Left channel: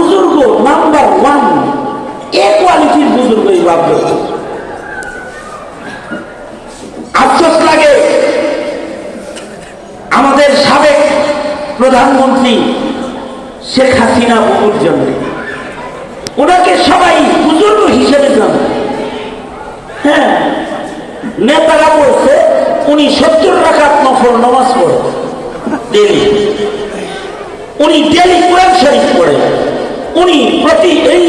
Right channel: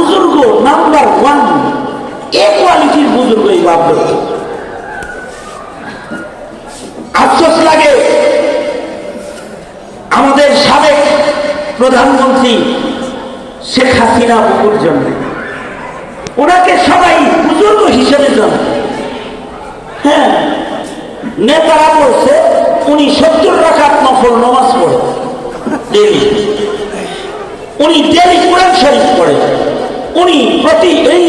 বুজুর্গ নাম্বার 1 এ কোয়ালিটির বুজুর্গই লাভ করছে। আফসোস লাগে আমাদের সাবেক প্রধানমন্ত্রী শেখ হাসিনা বাবুর জন্য। ওনাকে সবাই বুজুর্গ হিসেবে জানে। হ্যাঁ, নেতারা বলছে উনি 70 রাকাত নফল নামাজ পড়ে ডেলি, উনি ডেলি কোরআন শরীফ পড়ে, উনি প্রতি এই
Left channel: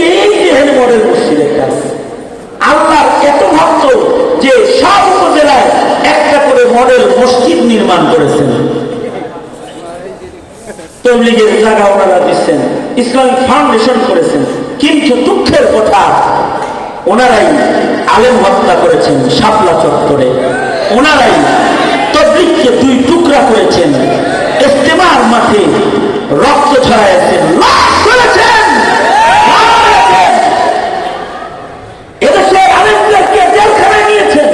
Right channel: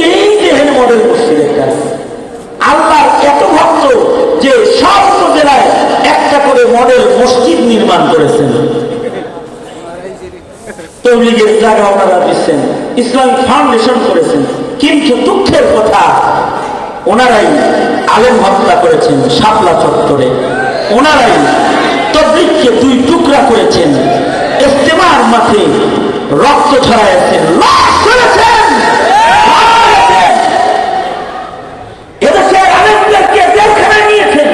দেহের মডেল মসজিদের কাছে আল্লাহর এত ভক্ত যে সব জেলায় একটা করে মডেল মসজিদ নির্মাণ করেছেন। তবলিগের জায়গা ওনারা দিচ্ছেন, ইসলামিক ফাউন্ডেশন করেছেন, কিন্তু দুঃখের কথা ওনারাই আলেম হত্যা করেছেন শাপলা চত্বরে, ওনারাই তবলিগকে 2 টুকরা করেছেন, ইজতেমার মাঠে রক্ত ছড়াইছেন, এদেশের আলেমদেরকে জেলখানায় নিয়েছেন,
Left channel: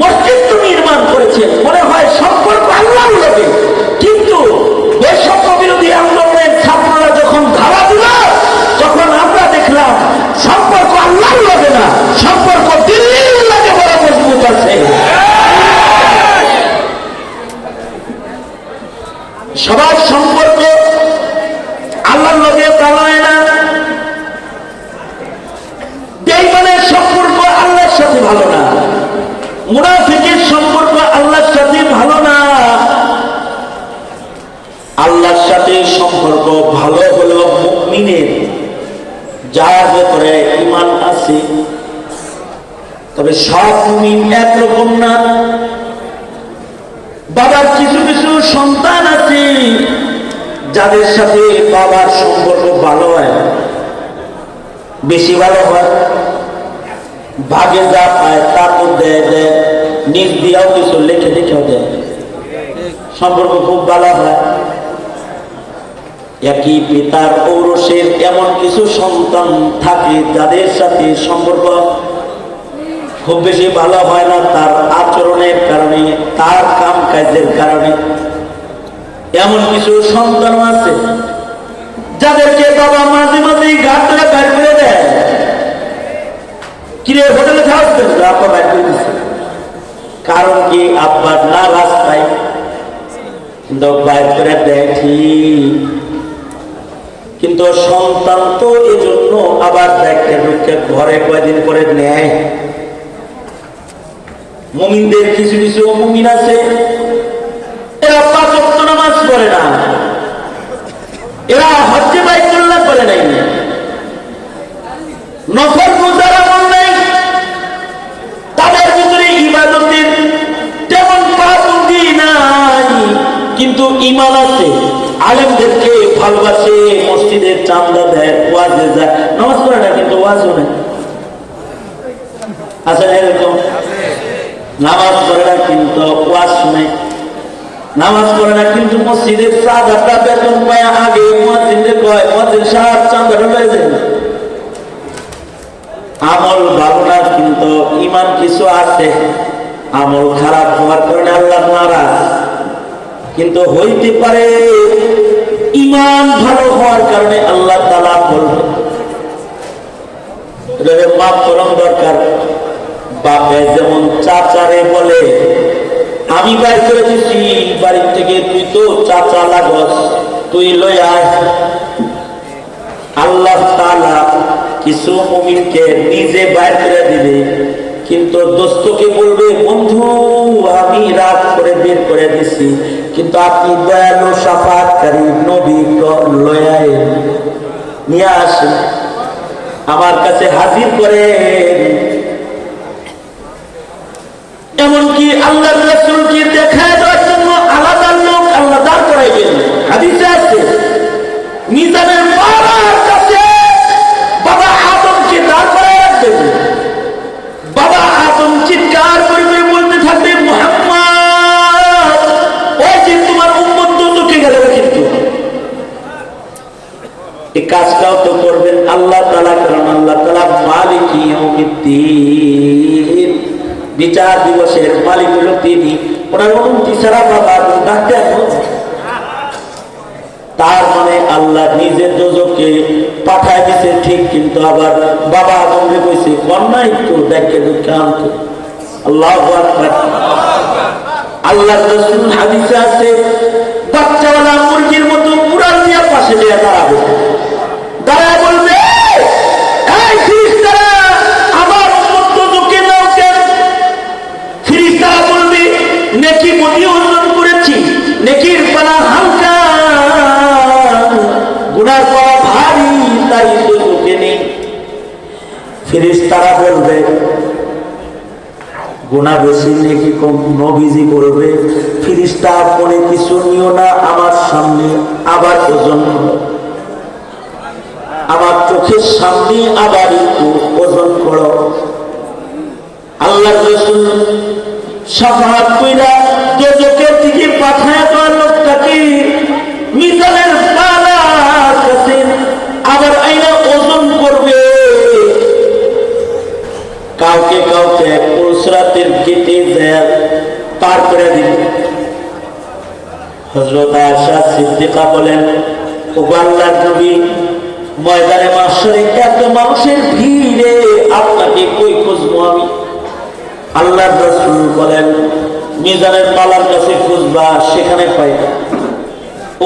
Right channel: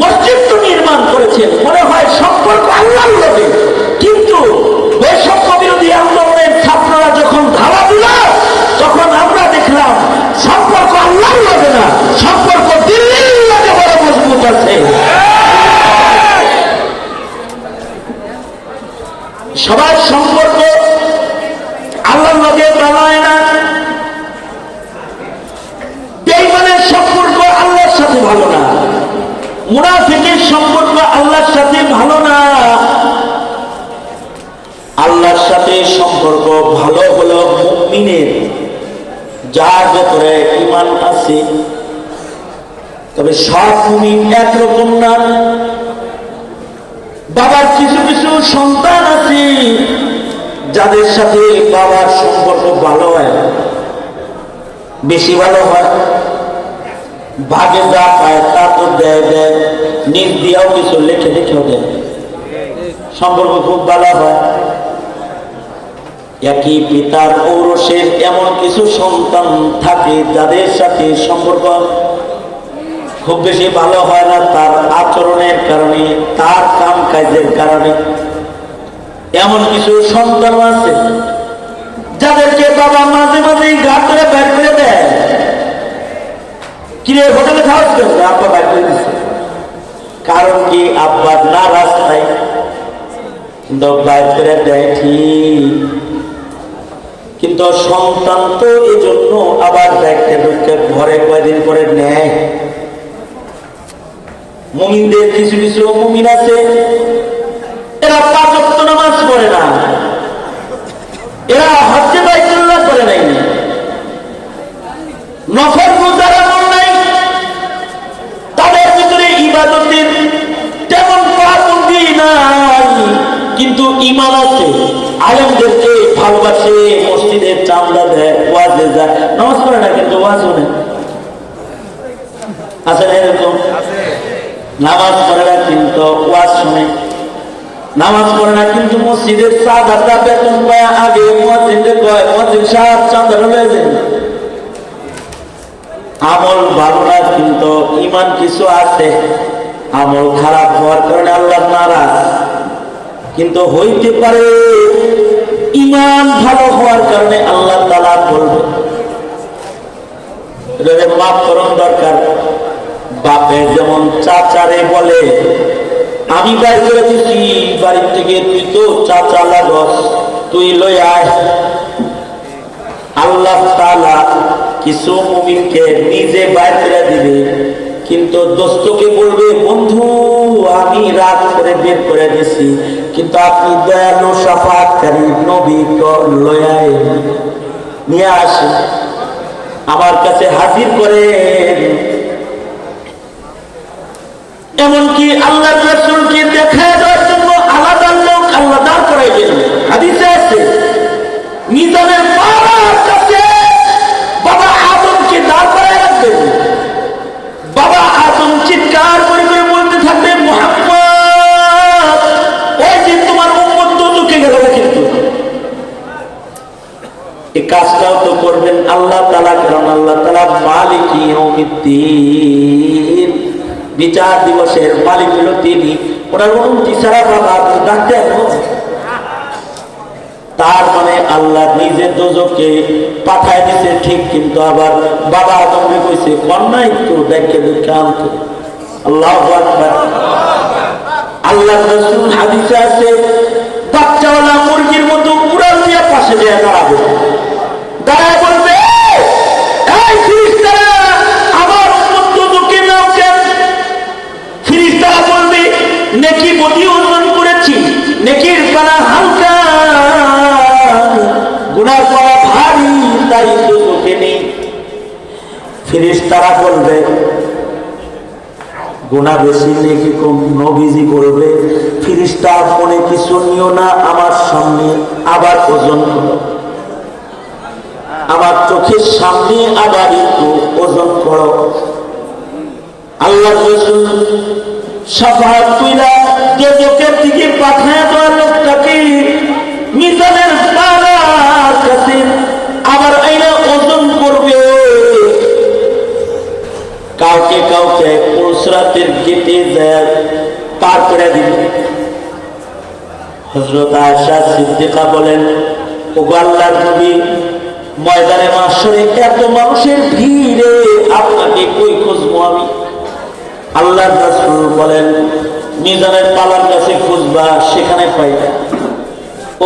মসজিদ তো নির্মাণ করেছেন। মনে হয় সম্পর্ক আল্লাহ লাগে, কিন্তু বৈষম্য বিরোধী আন্দোলনের ছাত্ররা যখন ধারা দিল তখন আমরা দেখলাম সম্পর্ক আল্লাহ লাগে না, সম্পর্ক দিল্লির লাগে বড় মজবুত আছে। সবার সম্পর্ক আল্লাহর লাগে বানায় না, বেঈমানের সম্পর্ক আল্লাহর সাথে ভালো না, মুনাফিকের সম্পর্ক আল্লাহর সাথে ভালো না। আল্লাহর সাথে সম্পর্ক ভালো হলো মুমিনের যার ভেতরে ঈমান আছে। তবে সব মুমিন একরকম না। বাবার কিছু কিছু সন্তান আছে যাদের সাথে বাবার সম্পর্ক ভালো হয়, বেশি ভালো হয়, ভাগে যা পায় তা তো দেয় দেয়, নিজ দিয়াও কিছু লিখে লিখেও দেয়, সম্পর্ক খুব ভালো হয়। একই পিতার ঔরসের এমন কিছু সন্তান থাকে যাদের সাথে সম্পর্ক খুব বেশি ভালো হয় না, তার আচরণের কারণে, তার কাম কাজের কারণে। এমন কিছু সন্তান আছে যাদেরকে বাবা মাঝে মাঝে ঘাটলে বের করে দেয়, কিরে হোটেলে খাওয়াচ্ছেন, আপনি বের করে দিচ্ছে। কারণ কি আব্বার না রাস্তায়, কিন্তু বাইর করে দেয় ঠিক, কিন্তু সন্তান তো এই জন্য আবার ব্যাগকে ঢুকে ঘরে কয়দিন করে নেয়। মুমিনদের কিছু কিছু মুমিন আছে এরা 5 ওয়াক্ত নামাজ পড়ে না, এরা হজ্জে বাইতুল্লাহ করে নাই, নফল রোজার আমল নাই, তাদের ভিতরে ইবাদতের তেমন পাবন্দি নাই, কিন্তু ঈমান আছে, আলেমদেরকে ভালোবাসে, মসজিদের চাঁদা দেয়, ওয়াজে যায়, নামাজ পড়ে না কিন্তু ওয়াজ শুনে। আচ্ছা, এরকম নামাজ পড়ে না কিন্তু ওয়াজ শুনে, নামাজ পড়ে না কিন্তু মসজিদের চাঁদাটা বেতন পায়, আগে মুয়াজ্জিনকে কয় মুয়াজ্জিন সাহেব চাঁদা হয়ে যাবে। আমল ভালো না কিন্তু ঈমান কিছু আছে, আমল খারাপ হওয়ার কারণে আল্লাহ নারাজ, কিন্তু হইতে পারে ঈমান ভালো হওয়ার কারণে আল্লাহ তাআলা বলবে। এটা মাফ করণ দরকার। বাপে যেমন চাচারে বলে আমি বাড়ি করে দিচ্ছি, বাড়ির থেকে তুই তো চাচা লাগস, তুই লই আয়। আল্লাহ তাআলা কিছু মুমিনকে নিজে বাইর করে দিবে, কিন্তু দোস্তকে বলবে বন্ধু আমি রাগ করে বের করে দিছি, কিন্তু আপনি দয়ালু শাফাআতকারী নবী লয়া নিয়ে আসেন, আমার কাছে হাজির করেন। এমনকি আল্লাহ রাসূলকে দেখা দেওয়ার জন্য আলাদা লোক আল্লাহ দাঁড় করাইবেন। হাদিসে আছে মিজানের বাবার কাছে বাবা আদমকে দাঁড় করাই রাখবেন। বাবা আদম চিৎকার করবে, বলতে থাকবে মুহাম্মদ ওই যে তোমার উম্মত তো ঢুকে গেল, কিন্তু এই কাজটাও তো করবেন আল্লাহ তাআলা, কারণ আল্লাহ তাআলা মালিক ইয়াউমিদ্দিন, বিচার দিবসের মালিক হলো তিনি। ওনার অনুমতি ছাড়া বাবা ডাকতে তার মানে আল্লাহ নিজে দোজখে পাঠায় দিছে ঠিক, কিন্তু আবার বাবা আদমকে কইছে কন্যা একটু দেখে দেখে আনতে। আল্লাহু আকবার। আল্লাহ রাসূল হাদিসে আছে বাচ্চাওয়ালা মুরগির মতো উড়াল দিয়ে পাশে দিয়ে দাঁড়াবে, দাঁড়ায় বলবে এই ফেরেশতারা আমার উম্মত দোজখে নাও কেন? ফেরেশতারা বলবে নেকি বদি অর্জন করেছি, নেকির পানা হালকা, গুনার পানা ভারী, তাই দোজখে নেই। ফেরেশতারা বলবে গুনাহ বেশি নেকি কম? নবীজি বলবে ফেরেশতা মনে কিছু নিও না, আমার সামনে আবার ওজন করো, আমার চোখের সামনে আবার একটু ওজন করো। আল্লাহ রাসূল শাফাআত কইরা দোজখের দিকে পাঠায় দেওয়া লোকটাকে মিজানের পাল্লার কাছে আবার আইনা ওজন করবে। কাউকে কাউকে পুরুষরাতের গেটে যায় পার করে দিবে। হযরত আয়েশা সিদ্দিকা বলেন, ওগো আল্লাহর নবী, ময়দানে মাহশরে এত মানুষের ভিড়ে আপনাকে কই খুঁজবো আমি? আল্লাহর রাসূল বলেন, মিজানের পালার কাছে খুঁজবা, সেখানে পাইবা।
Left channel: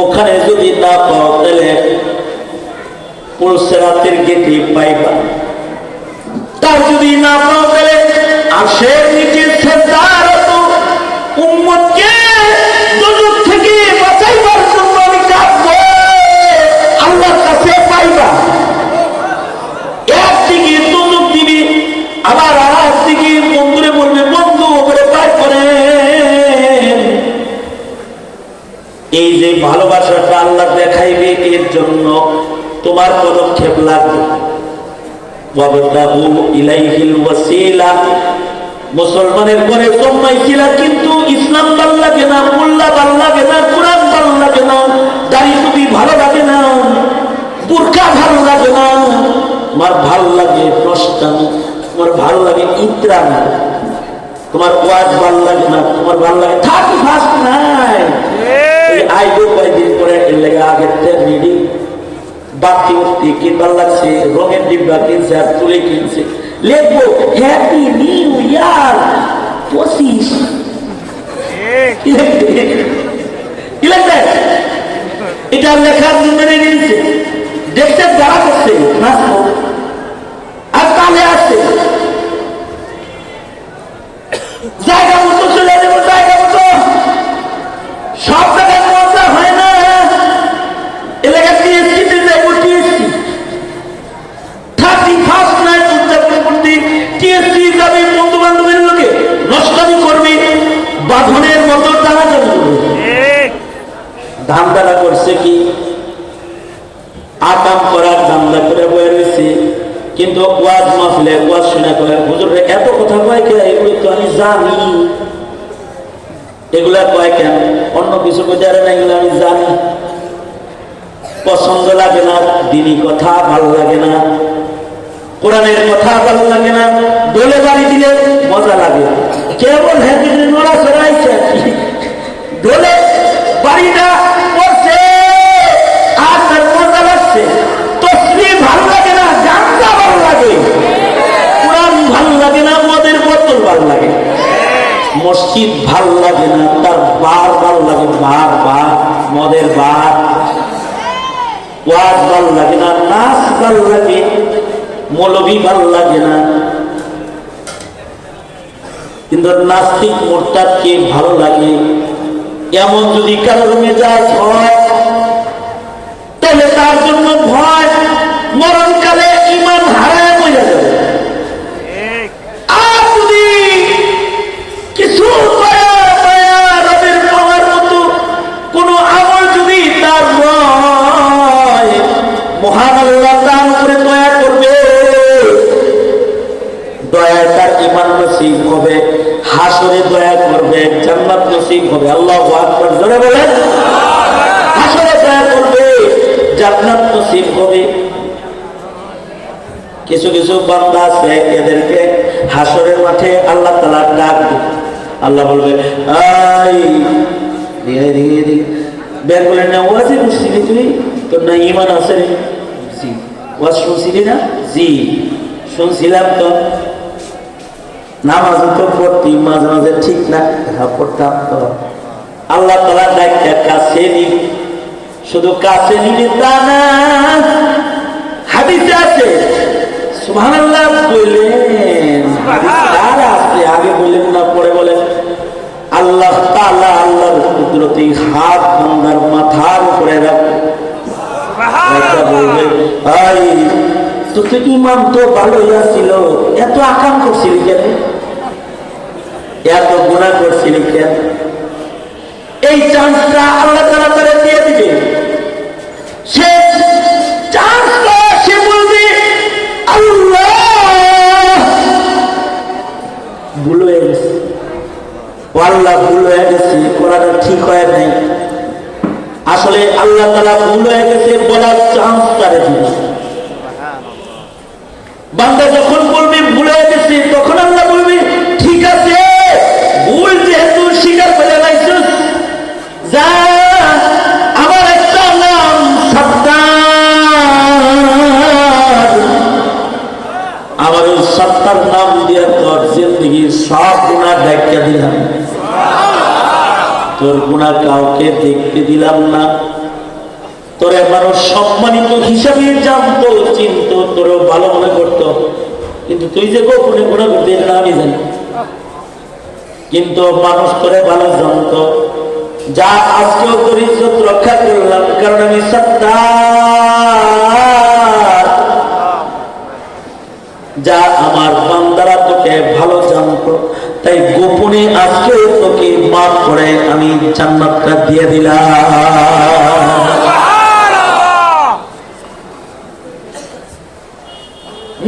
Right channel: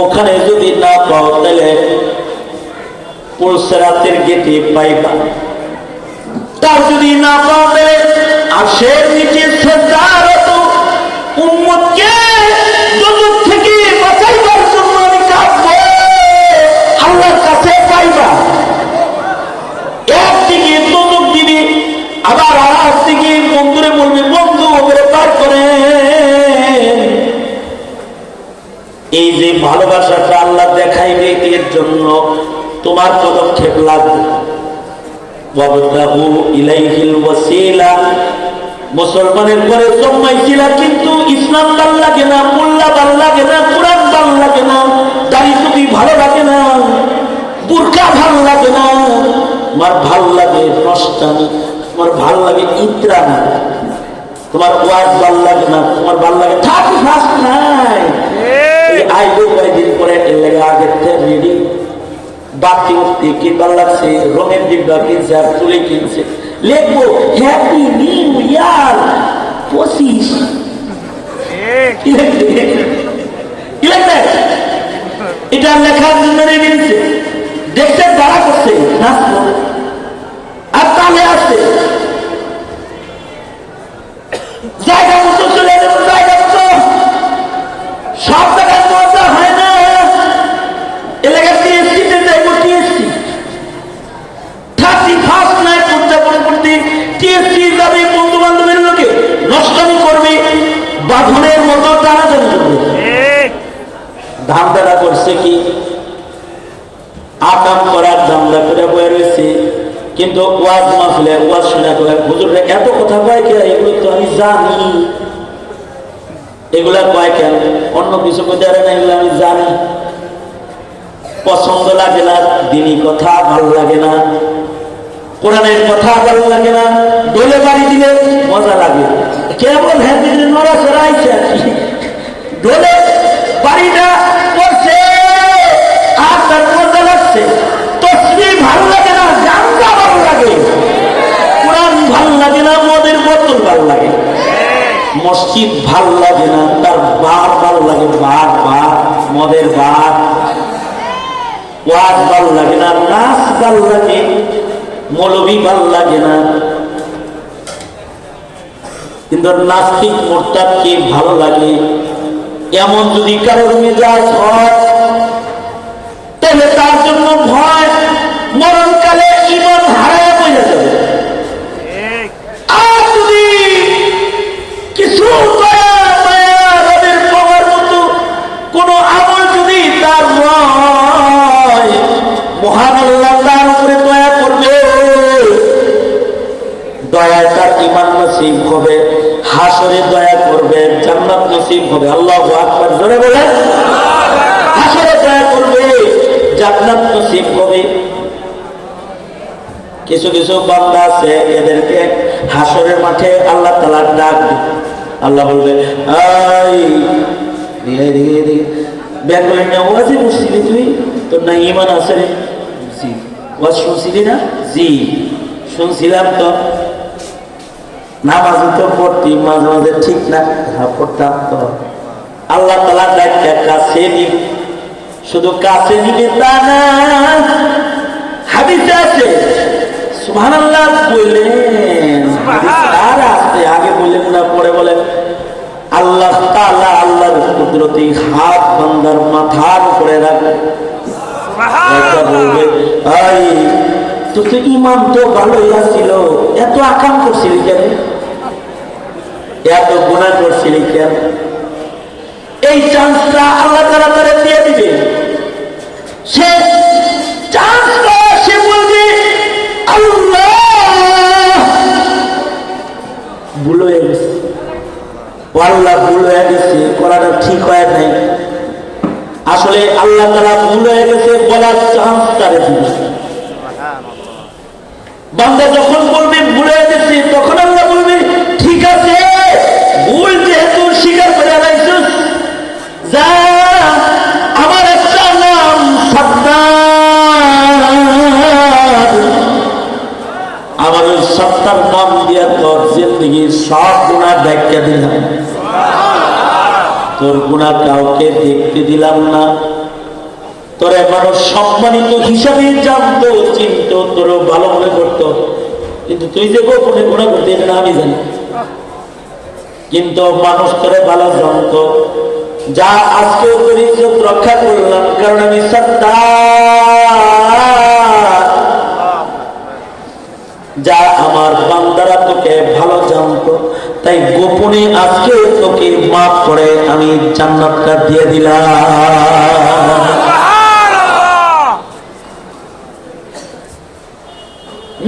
ওখানে যদি না পাও তাহলে পুরুষরাতের গেটে পাইবা। তার যদি না পাও তাহলে আশের নিচে সেজদারত উম্মতকে দোজখ থেকে বাঁচাইবার জন্য আমি কাঁদবো, আল্লাহর কাছে পাইবা। একদিকে দোজখ দিবি, আবার আমার দিকে বন্ধুরে বলবে বন্ধু ওপরে পার করেন। এই যে ভালোবাসাটা আল্লাহ দেখাইবে, এর জন্য তোমার পদক্ষেপ লাগবে। মুসলমানের ঘরে জন্মাইছিলা, কিন্তু ইসলাম ভাল লাগে না, মোল্লা ভাল লাগে না, কোরআন ভাল লাগে না, দাড়ি টুপি ভালো লাগে না, বুরকা ভালো লাগে না, তোমার ভাল লাগে প্রস্তানি, তোমার ভাল লাগে ইত্রানি, তোমার ওয়াজ ভাল লাগে না, তোমার ভাল লাগে থার্টি ফার্স্ট নাই। আইবো কয়েকদিন পরে এর লেগে আগের রিডিং বাকি উঠতে কিনবার লাগছে, রঙের ডিব্বা কিনছে আর তুলে কিনছে, লিখবো হ্যাপি নিউ ইয়ার 25। এটা লেখার জন্য নিয়েছে, দেখতে যারা করছে আর তাহলে আসছে জায়গা মতো চলে যাবে, জায়গা মতো সব জায়গায় পৌঁছা হলে না এলাকার টিএসসিতে যাইব, টিএসসি 31st নাইট উদযাপন করতে টিএসসি যাবে, বন্ধু বান্ধবের লোকে নষ্টামি করবে, বাঁধনের মতো টানাটানি করবে। ধান্দারা করছে কি আকাম করার ধান্দা করে বয়ে রয়েছে, কিন্তু ওয়াজ মাহফিলে ওয়াজ শোনা করে হুজুরে এত কথা কয় কে? এগুলো তো আমি জানি, এগুলা কয় কেন? অন্য কিছু কোথায় না, এগুলো আমি জানি। পছন্দ লাগে না, দিনী কথা ভালো লাগে না, কোরআনের কথা ভালো লাগে না, দলে বাড়ি দিলে মজা লাগে। কেমন ভ্যাটিনের মরা সরাইছে আর কি, দলে বাড়িটা করছে আর তার মজা লাগছে। তসবিহ ভালো লাগে না, গানটা ভালো লাগে, কোরআন ভালো লাগে না, মদের বোতল ভালো লাগে, মসজিদ ভালো লাগে না, তার বার ভালো লাগে, বার বার মদের বার, ওয়াজ ভালো লাগে না, নাচ ভালো লাগে, মৌলবি ভালো লাগে না। কিন্তু নাস্তিক মোরতাদকে ভালো লাগে। এমন যদি কারো রুমে যায় তাহলে তার জন্য ভয়, মরণকালে ঈমান হারায় হয়ে যাবে। আর যদি কিছু রবের পাওয়ার মতো কোন আমল যদি তার মহান আল্লাহ তার উপরে দয়া করবে, দয়া তার ঈমান নসিব হবে, হাসরে দয়া করবে, জান্নাত নসিব হবে। আল্লাহু আকবার জোরে বলেন। হাসরে দয়া করবে, জান্নাত নসিব হবে। কিছু কিছু বান্দা আছে, এদেরকে হাসরের মাঠে আল্লাহ তাআলা ডাক দিবে। আল্লাহ বলবে এই ধীরে ধীরে বের করে নেওয়া আছে, বুঝছিলি তুই তোর না ইমান আছে রে? জি। ওয়াজ শুনছিলি না? জি শুনছিলাম। তো নামাজ তো পড়তি মাঝে মাঝে, ঠিক না? পড়তাম। তো আল্লাহ তাআলা ডাক্তার কাছে নিব, শুধু কাছে নিবে তা না, হাদিসে আছে সুবহানাল্লাহ বললেন, আগে বললেন না পরে বলেন, আল্লাহ তাআলা আল্লাহর কুদরতি হাত বান্দার মাথার উপরে রাখবে। বলবে তোর ইমান তো ভালোই ছিল, এত আকাম করছিলি কেন, এত গুনাহ করছিলি কেন? এই চান্সটা আল্লাহ তাআলা করে দিয়ে দিবে। সে চান্সটা সে বলবে আল্লাহ ভুল হয়ে গেছে, আল্লাহ ভুল হয়ে গেছে, করাটা ঠিক হয় নাই। আসলে আল্লাহ তাআলা ভুল হয়ে গেছে বলার চান্স তারা দিবে। বান্দা যখন বলবে ভুল হয়ে গেছে, তখন আল্লাহ বলবে ঠিক আছে, ভুল যেহেতু স্বীকার করে রাখছিস, যা আমার একটা নাম সত্তার, আমার ওই সত্তার নাম দিয়ে তোর জিন্দগির সব গুনাহ ব্যাখ্যা দিলাম, তোর গুনাহ কাউকে দেখতে দিলাম না, তোরা মানুষ সম্মানিত হিসাবে জানতো, চিনতো, তোর ভালো মনে করতো, কিন্তু তুই যে গোপনে গুনাহ করতে না আমি জানি, কিন্তু মানুষ তোরে ভালো জানতো। যা আজকেও তোর ইজ্জত রক্ষা করলাম, কারণ আমি সত্তার। যা আমার বান্দারা তোকে ভালো জানতো, তাই গোপনে আজকেও তোকে মাফ করে আমি জান্নাতটা দিয়ে দিলাম।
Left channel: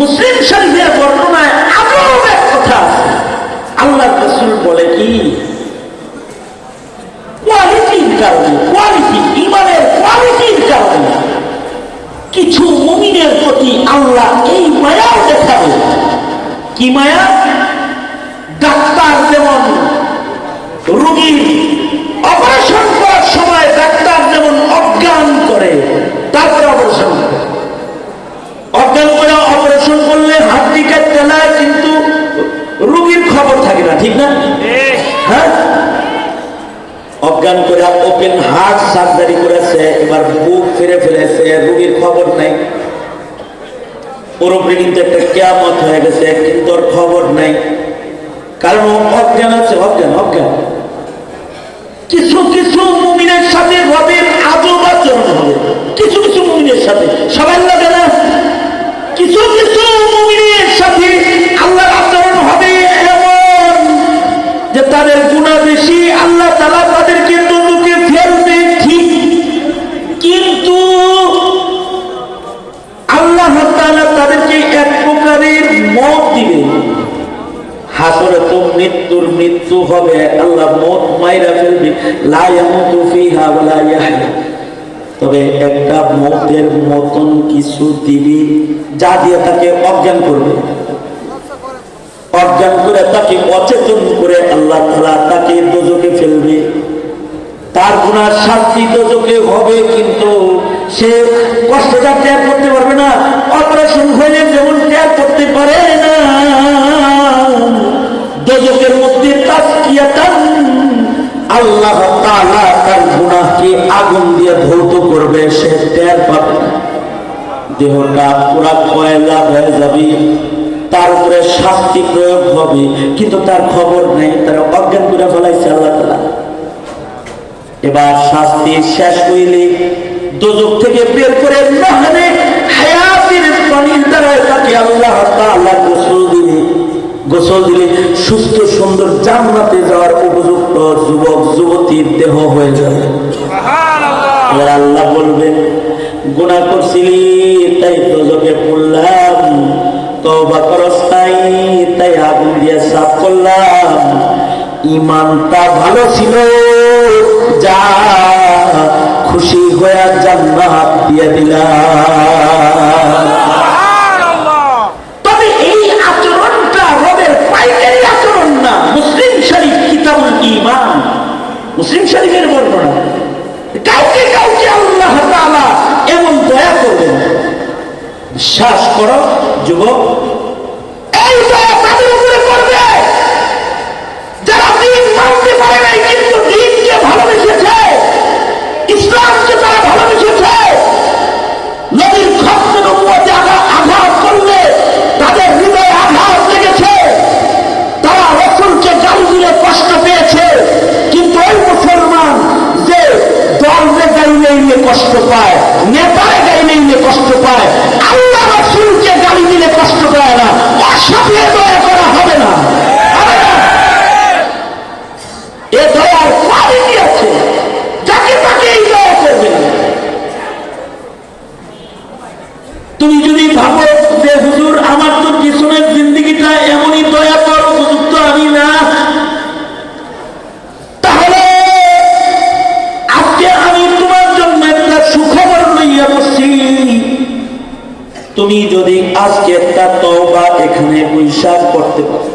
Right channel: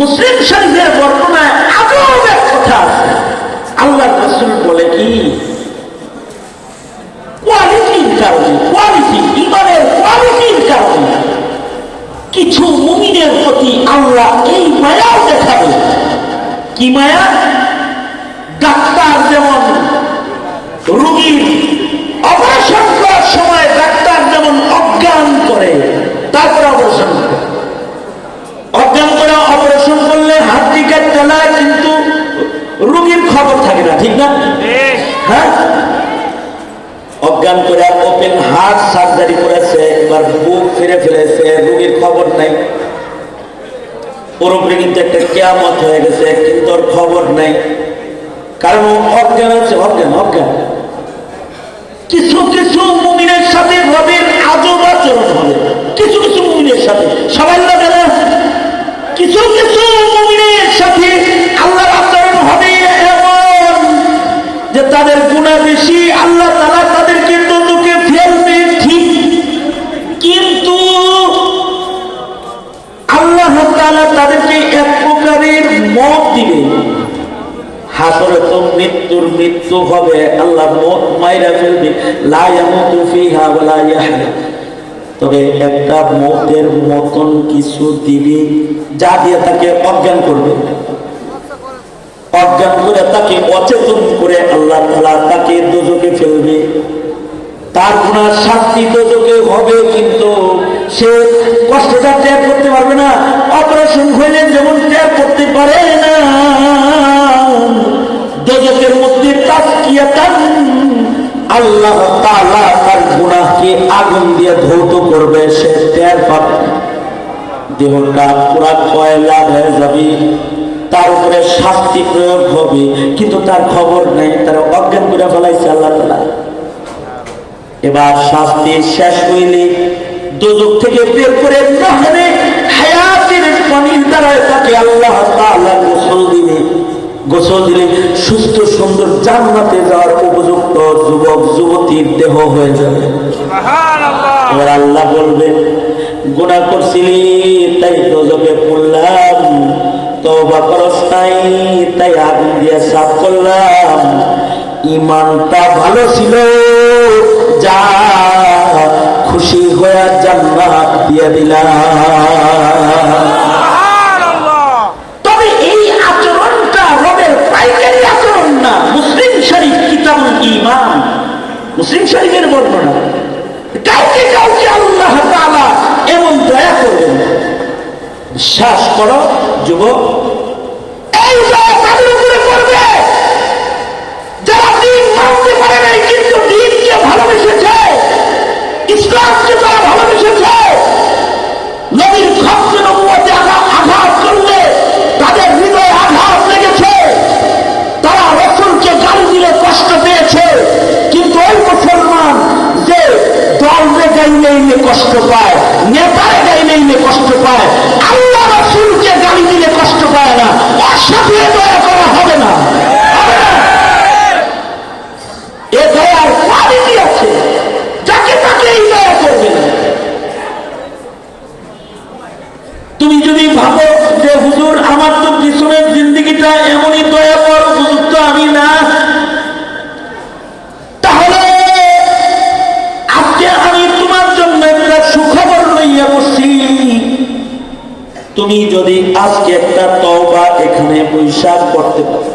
মুসলিম শরীফের বর্ণনায় আজও এক কথা আল্লাহ রাসূল বলে কি, কোয়ালিটির কারণে, কোয়ালিটি ইমানের কোয়ালিটির কারণে কিছু মুমিনের প্রতি আল্লাহ এই মায়া দেখাবে। কি মায়া? ডাক্তার যেমন রোগীর অপারেশন করার সময় ডাক্তার যেমন অজ্ঞান করে, তারপরে অপারেশন করে, অজ্ঞান করে অপারেশন করলে হাড্ডি কাটতে না, কিন্তু রোগীর খবর থাকে না, ঠিক না? হ্যাঁ, অজ্ঞান করে ওপেন হার্ট সার্জারি করেছে, এবার বুক ফিরে ফেলেছে, রোগীর খবর নাই, পুরোপুরি কিন্তু একটা কিয়ামত হয়ে গেছে, কিন্তু ওর খবর নেই, কারণ অজ্ঞান আছে, অজ্ঞান অজ্ঞান। কিছু কিছু মুমিনের সাথে রবের আজব আচরণ হবে, কিছু কিছু মুমিনের সাথে, সবাই লাগে না, কিছু কিছু মুমিনের সাথে আল্লাহর আচরণ হবে এমন যে তাদের গুনাহ বেশি, আল্লাহ তাআলা তাদেরকে দোজখে ফেলবে ঠিক, কিন্তু আল্লাহ তাআলা তাদেরকে এক প্রকারের মওত দিবে। হাসরে তো মৃত্যুর মৃত্যু হবে, আল্লাহ মওত মাইরা ফেলবে, লা ইয়ামুতু ফিহা ওয়া লা ইয়াহয়া। তবে একটা মওতের মতন কিছু দিবে, যা দিয়ে তাকে অজ্ঞান করবে, অজ্ঞান করে তাকে অচেতন করে আল্লাহ তাআলা তাকে দোজখে ফেলবে। তার গুনার শাস্তি দোজখে হবে, কিন্তু সে কষ্টটা ত্যাগ করতে পারবে না, অপারেশন হলে যেমন ত্যাগ করতে পারে না, দোজখের মধ্যে তাজকিয়াতান আল্লাহ তাআলা তার গুনাহকে আগুন দিয়ে ধৌত করবে, সে ত্যাগ পাবে, দেহটা পুরা কয়লা হয়ে যাবে, তার উপরে শাস্তি প্রয়োগ হবে, কিন্তু তার খবর নেই, তারা অজ্ঞান করে ফেলাইছে আল্লাহ তাআলা। এবার শাস্তি শেষ হইলে দোজখ থেকে বের করে নহরে হায়াতের পানির দ্বারা তাকে আল্লাহ তাআলা গোসল দিলে, গোসল দিলে সুস্থ সুন্দর জান্নাতে যাওয়ার উপযুক্ত যুবক যুবতীর দেহ হয়ে যাবে। এবার আল্লাহ বলবেন, গুনাহ করছিলি তাই দোজখে পড়লাম, তওবা করস নাই তাই আগুন দিয়ে সাফ করলাম, ইমানটা ভালো ছিল, যা খুশি হয়ে জান্নাত দিয়ে দিলাম। তবে এই আচরণটা রবের পাইকারি আচরণ না। মুসলিম শরীফ কিতাবুল ঈমান, মুসলিম শরীফের বর্ণনা, কাউকে কাউকে আল্লাহ তাআলা বিশ্বাস করো যুবক, এই যারা দিন মানতে পারে নাই কিন্তু দিনকে ভালোবেসেছে, ইসলামকে তারা ভালোবেসেছে, নবীর খতমে নবুয়তে আঘাত করলে তাদের হৃদয়ে আঘাত লেগেছে, তারা রাসূলকে গালি দিলে কষ্ট পেয়েছে। কিন্তু ওই মুসলমান যে দলকে গাইলে কষ্ট পায়, নেতারা গাইলে কষ্ট পায়, আল্লাহ রাসূলকে গালি দিলে কষ্ট পায় না, ওর সাথে দয়া করে হবে না। এ দয়ার কোয়ালিটি আছে, যাকে তাকে এই দয়া করবে না। তুমি যদি ভাবো যে হুজুর আমার তো পিছনের জিন্দগিটা এমনই দয়া করার উপযুক্ত আমি না, তাহলে আজকে আমি তোমার জন্য একটা সুখবর লইয়া বসছি। তুমি যদি আজকে একটা তওবা এখানে বৈশাখ করতে পারো,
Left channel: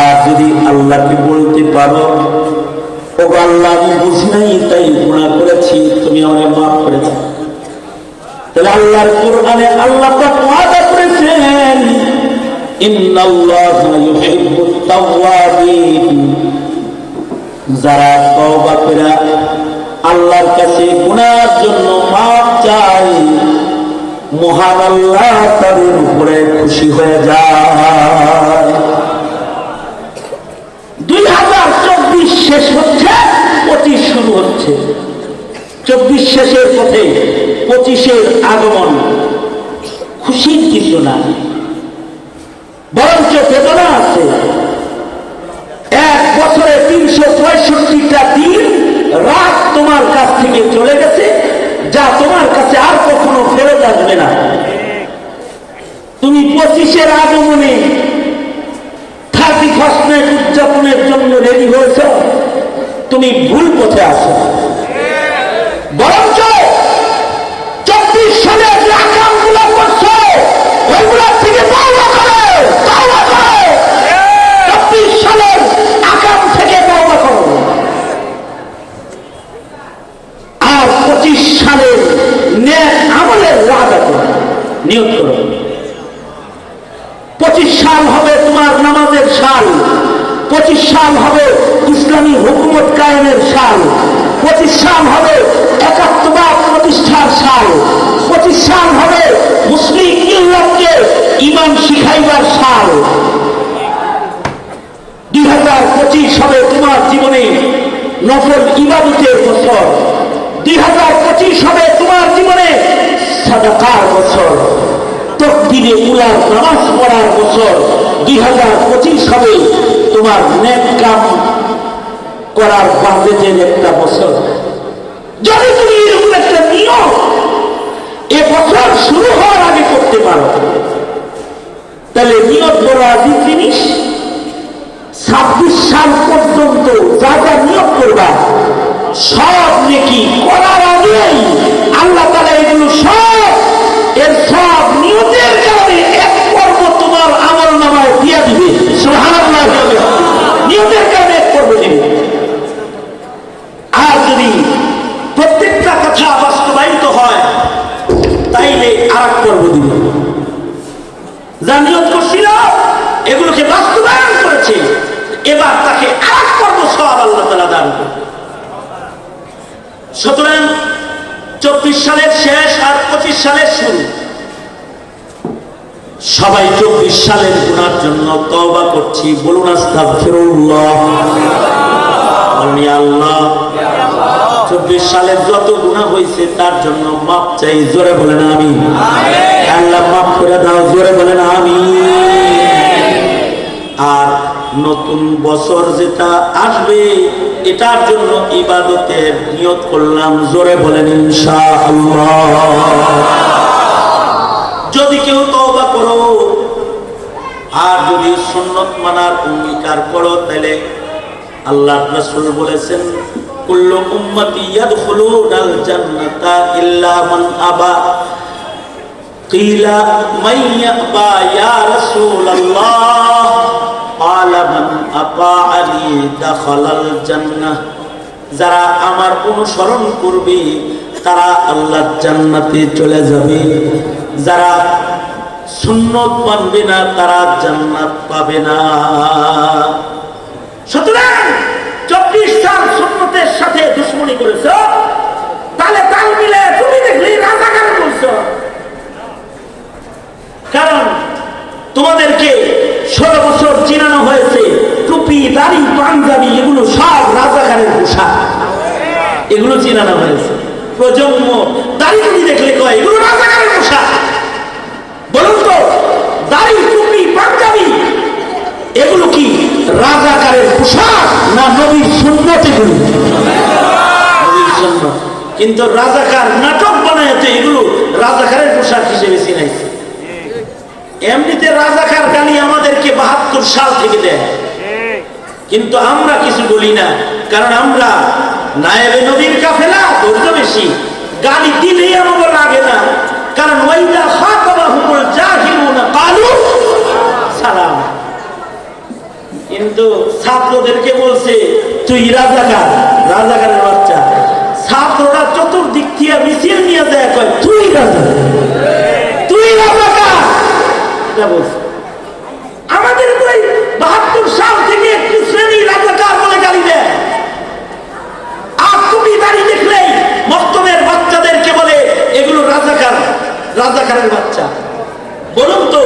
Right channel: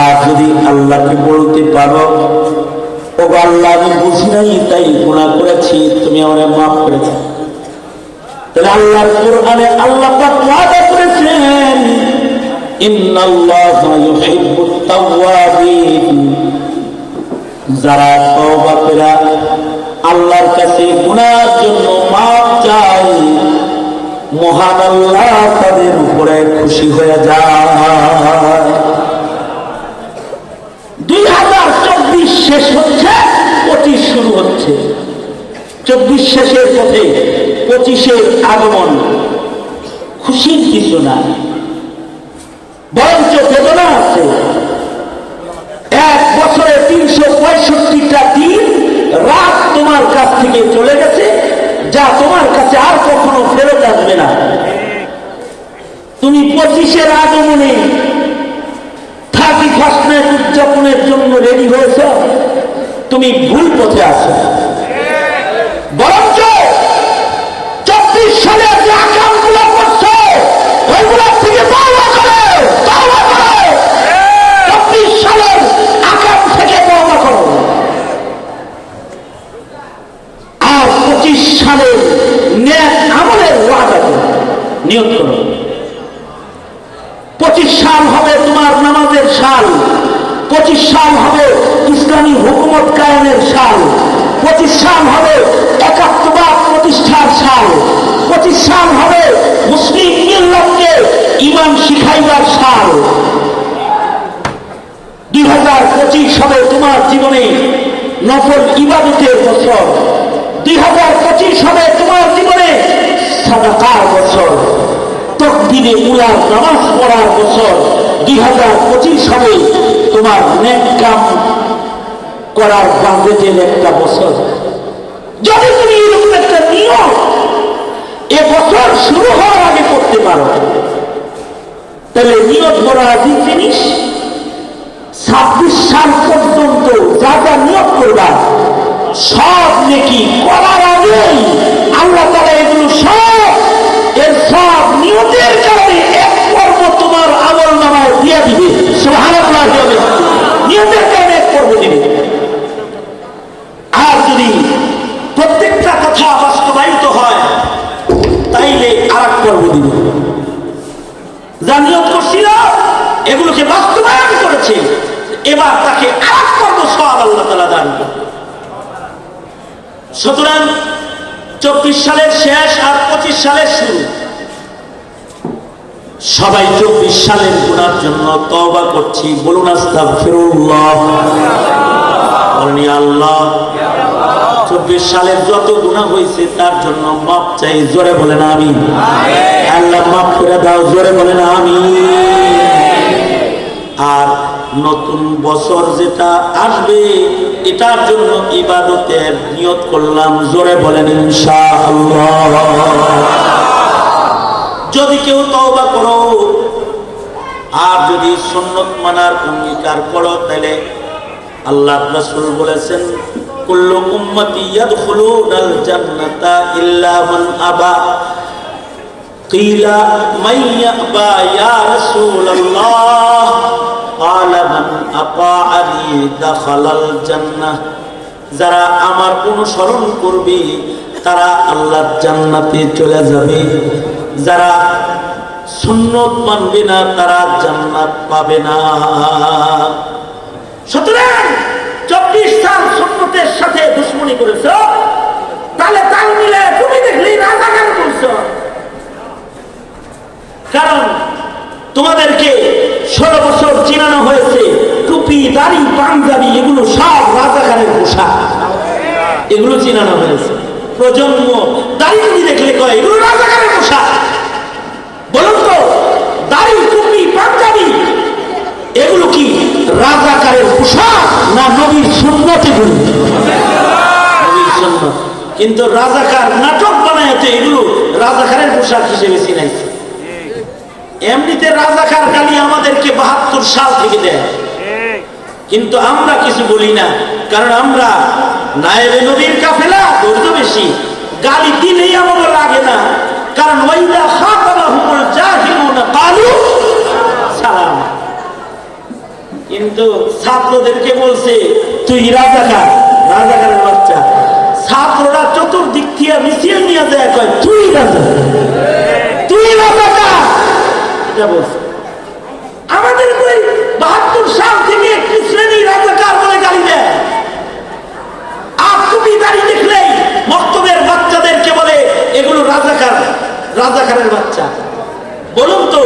আর যদি আল্লাহকে বলতে পারো, ও আল্লাহ আমি বুঝি নাই তাই গুনাহ করেছি, তুমি আমাকে মাফ করে দাও, তাহলে আল্লাহর কোরআনে আল্লাহ পাক ওয়াদা করেছেন, ইন্নাল্লাহা ইউহিব্বুত তাওয়াবিন, যারা তওবা করে আল্লাহর কাছে গুনাহের জন্য মাফ চায়, মহান আল্লাহ তাদের উপরে খুশি হয়ে যায়। 2024 শেষ হচ্ছে, 25 শুরু হচ্ছে। 24 শেষের পথে 25-এর আগমন, খুশির কিছু না, বরঞ্চ বেদনা আছে। এক বছরে 365টা দিন রাত তোমার কাছ থেকে চলে গেছে, যা তোমার কাছে আর কখনো ফেরত আসবে না। তুমি 25-এর আগমনে 31st নাইট উদযাপনের জন্য রেডি হয়েছ, তুমি ভুল পথে আছো। বরঞ্চ 24 সালে যে আকামগুলো করছো ওইগুলো থেকে তওবা করো, তওবা করো। 24 সালের আকাম থেকে তওবা করো, আর 25 সালের নেক আমলের ওয়াদা করো, নিয়ত করো। 25 সাল হবে তোমার নামাজের সাল, 25 সাল হবে ইসলামী হুকুমত কায়েমের সাল, 25 সাল হবে একাত্মবাদ প্রতিষ্ঠার সাল, 25 সাল হবে মুসলিম মিল্লাতকে ঈমান শিখাইবার সাল। 2025 হবে তোমার জীবনে নফল ইবাদতের বছর, 2025 হবে তোমার জীবনে সাদাকার বছর, তকবীরে উলার নামাজ পড়ার বছর। 2025 হবে তোমার নেক কাম করার বাজেটের একটা বছর। যদি তুমি এরকম একটা নিয়ম এ বছর শুরু হওয়ার আগে করতে পারো, তাহলে নিয়ত বড় আদি জিনিস। 26 সাল পর্যন্ত যা যা নিয়ত করবা সব নেকি করার আগেই আল্লাহ তাআলা এগুলো সব এর সব নিয়তের কারণে এক পর্ব তোমার আমল নামায় দিয়ে দিবে। সুবহানাল্লাহ, নিয়তের কারণে এক পর্ব দিবে। আর যদি প্রত্যেকটা কথা বাস্তবায়িত হয় তাইলে আর এক পর্ব দিবে। যা নিয়ত করছিল এগুলোকে বাস্তবায়ন করেছে, এবার তাকে আর এক পর্ব সব আল্লাহ তাআলা দান করবে। সুতরাং 24 সালের শেষ আর 25 সালের শুরু, সবাই 24 সালের গুনার জন্য তওবা করছি। বলুন আস্তাগফিরুল্লাহ। আল্লাহ 24 সালের যত গুনাহ হয়েছে তার জন্য মাপ চাই, জোরে বলেন আমিন। আল্লাহ মাফ করে দাও, জোরে বলেন আমিন। আর নতুন বছর যেটা আসবে এটার জন্য ইবাদতের নিয়ত করলাম, জোরে বলেন ইনশাআল্লাহ। যদি কেউ তওবা করো আর যদি সুন্নত মানার অঙ্গীকার করো, তাহলে আল্লাহর রাসূল বলেছেন, কুল্লু উম্মতি ইয়াদখুলুনাল জান্নাতা ইল্লা মান আবা। কিলা মান ইয়াবা ইয়া রাসূলুল্লাহ? ক্বালা মান আতাআনি দাখালাল জান্নাহ। যারা আমার অনুসরণ করবে তারা আল্লাহর জান্নাতে চলে যাবে, যারা সুন্নত মানবে না তারা জান্নাত পাবে না। সুতরাং 24 সাল সুন্নতের সাথে দুশ্মনী করেছ, তাহলে তাই মিলে তুমি দেখলি রাজাকার বলছ। কারণ তোমাদেরকে 16 বছর চিনানো হয়েছে টুপি, দাড়ি, পাঞ্জাবি এগুলো সব রাজাকারের পোশাক, এগুলো চিনানো হয়েছে। প্রজন্ম দাড়ি টুপি দেখলে কয় এগুলো রাজাকারের পোশাক। বলুন তো, দাড়ি, টুপি, পাঞ্জাবি এগুলো কি রাজাকারের পোশাক না নবীর সুন্নত? এগুলো নবীর সুন্নত। কিন্তু রাজাকার নাটক বানায় তো এগুলো রাজাকারের পোশাক হিসেবে চিনাইছে। এমনিতে রাজাকার গালি আমাদেরকে 72 সাল থেকে দেয়, কিন্তু আমরা কিছু বলি না, কারণ আমরা নায়েবে নবীর কাফেলা, ধৈর্য বেশি, গালি দিলেই আমাদের লাগে না। কারণ ওয়াইদা খাতাবাহুমুল জাহিলুনা ক্বালু সালাম। কিন্তু ছাত্রদেরকে বলছে তুই রাজাকার, রাজাকারের বাচ্চা। ছাত্ররা চতুর্দিক থেকে মিছিল নিয়ে যায়, কয় তুই রাজাকার, তুই রাজাকার। এটা বলছে। আমাদের তো 72 সাল থেকে একটু শ্রেণী রাজাকার বলে গালি দেয়। আর তুমি দাঁড়িয়ে দেখলেই মক্তবের বাচ্চাদেরকে বলে এগুলো রাজাকার, রাজাকারের বাচ্চা। বলুন তো,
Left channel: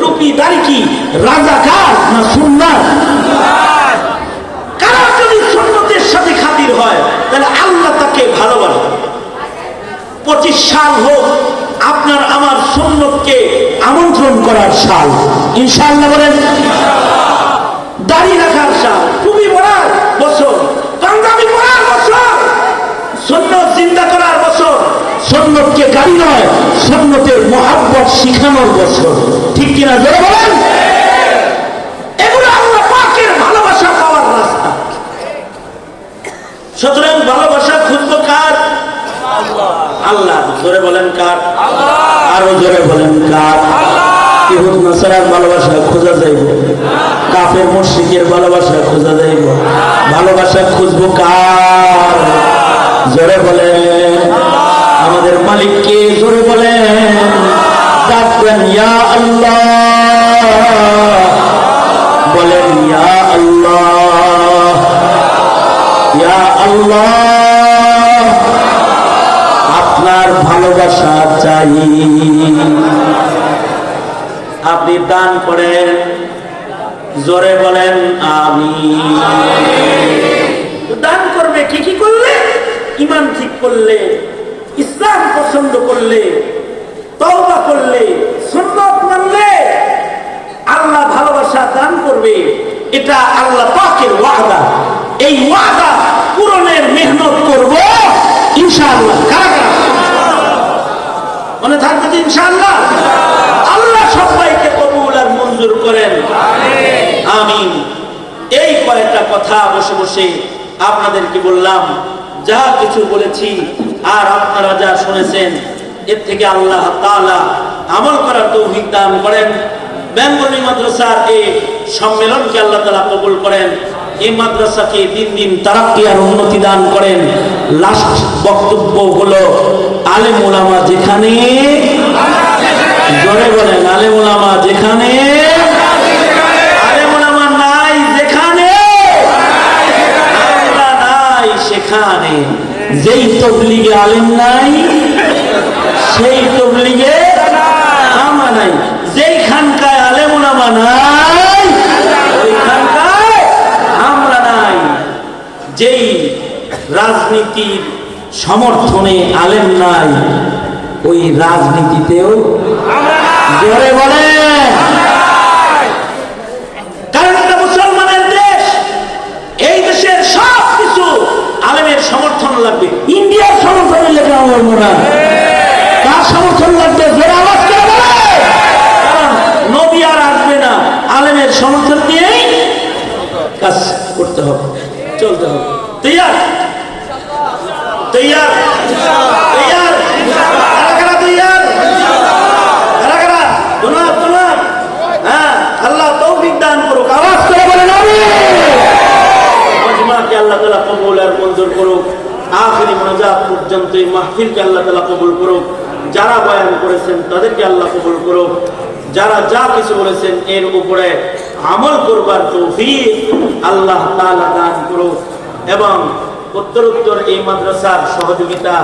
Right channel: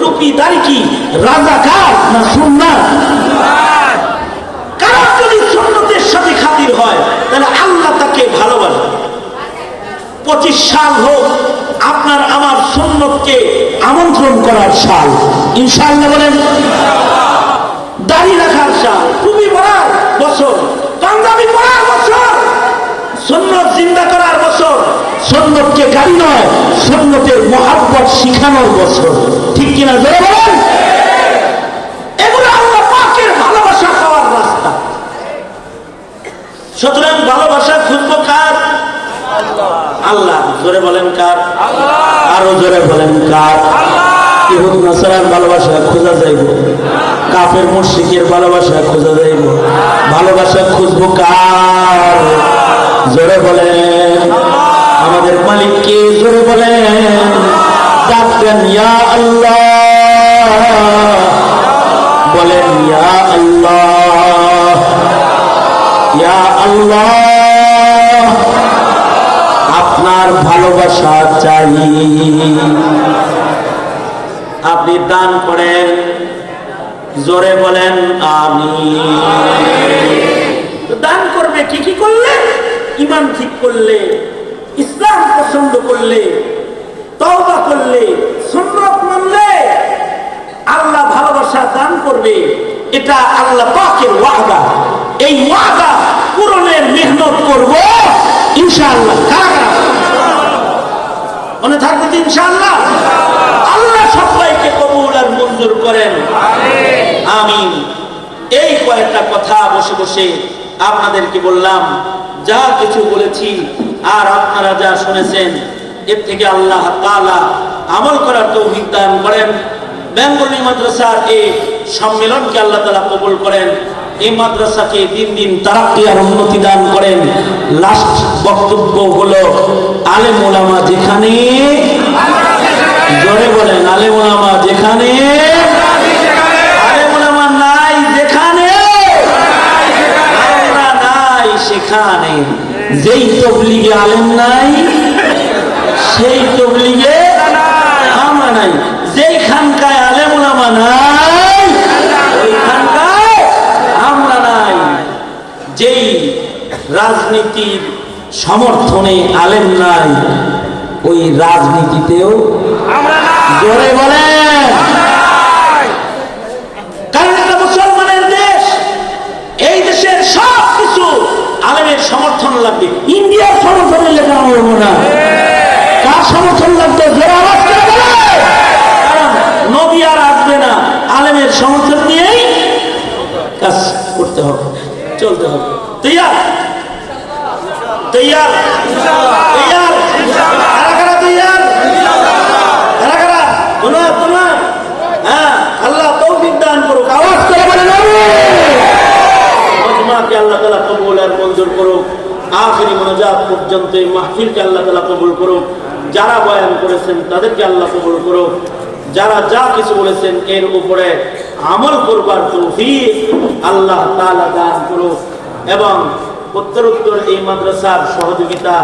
টুপি দাড়ি কি রাজাকার না সুন্নাত? কারণ যদি সুন্নতের সাথে খাতির হয় তাহলে আল্লাহ তাকে ভালোবাসে। 25 সাল হোক আপনার আমার সুন্নতকে আমন্ত্রণ করার সাল, ইনশাআল্লাহ বলেন। দাড়ি রাখার সাল, টুপি পরার বছর, পাঞ্জাবি পরার বছর, সুন্নত জিন্দা করার বছর, সুন্নতকে গাড়ি নেয়, সুন্নতের মহব্বত শিখানোর বছর। ঠিক কিনা জোরে বলেন? এগুলো আল্লাহ পাকের ভালোবাসা পাওয়ার রাস্তা। সুতরাং ভালোবাসা খুঁজবো কার? আল্লাহ। জোরে বলেন কার? আরো জোরে বলেন কার? ইহুদ নাসারার ভালোবাসা খোঁজা যাইব, কাফের মুশরিকের ভালোবাসা খোঁজা যাইব। ভালোবাসা খুঁজবো কার? জোরে বলেন আমাদের মালিককে। জোরে বলেন ডাকবেন ইয়া আল্লাহ, বলেন ইয়া আল্লাহ, ইয়া আল্লাহ। আপনার ভালোবাসা চাই। আপনি দান করেন, জোরে বলেন আমিন। দান করবে কি কি করলে? ঈমান ঠিক করলে, ইসলাম পছন্দ করলে, তওবা করলে, সুন্নাত মানলে আল্লাহ ভালোবাসা দান করবে। এটা আল্লাহ পাকের ওয়াদা। এই ওয়াদা পূরণের মেহনত করব ইনশাআল্লাহ। কারা মনে থাকবে তো ইনশাআল্লাহ? আল্লাহ সবাইকে কবুল আর মঞ্জুর করেন, আমিন। এই কয়েকটা কথা বসে বসে আপনাদেরকে বললাম। যা কিছু বলেছি আর আপনারা যা শুনেছেন, এর থেকে আল্লাহ তাআলা আমল করার তৌফিক দান করেন। বেঙ্গলি মাদ্রাসার এই সম্মেলনকে আল্লাহ তাআলা কবুল করেন। এই মাদ্রাসাকে দিন দিন তারাক্কি আর উন্নতি দান করেন। লাস্ট বক্তব্য হলো, আলেম ওলামা যেখানে, জোরে বলেন আলেম ওলামা যেখানে, আলেম ওলামা নাই যেখানে, নাই সেখানে। যেই তবলিগে আলেম নাই সেই তবলিগে আমরা নাই। যেই খানকায় আলেম ওলামা নাই ওই খানকায় আমরা নাই। যেই রাজনীতির সমর্থনে আলেম নাই ওই রাজনীতিতেও আমরা নাই। জোরে বলেন। কারণ এটা মুসলমানের দেশ। এই দেশের সব কিছু আলেমের সমর্থন লাগবে। ইন্ডিয়ার সমর্থন লেখা হবে না, তার সমর্থন লাগবে। জোরে রাখতে হবে, কারণ নবী আর আসবে না। আলেমের সমর্থন নিয়েই কাজ করতে হবে, চলতে হবে। তৈয়ার তৈয়ার তৈয়ার কারা তৈয়ার? কারা কারা? তোমরা তোমরা, হ্যাঁ। আল্লাহ তৌফিক দান করুক। আওয়াজ করে বলেন আমিন। আল্লাহ তাআলা কবুল আর মঞ্জুর করুক। আখিরি মোনাজাত পর্যন্ত এই মাহফিলকে আল্লাহ তাআলা কবুল করুক। যারা বয়ান করেছেন তাদেরকে আল্লাহ কবুল করুন, যারা যা কিছু বলেছেন এর উপরে আমল করবার তৌফিক আল্লাহ তাআলা দান করুন এবং উত্তরোত্তর এই মাদ্রাসার সহযোগিতা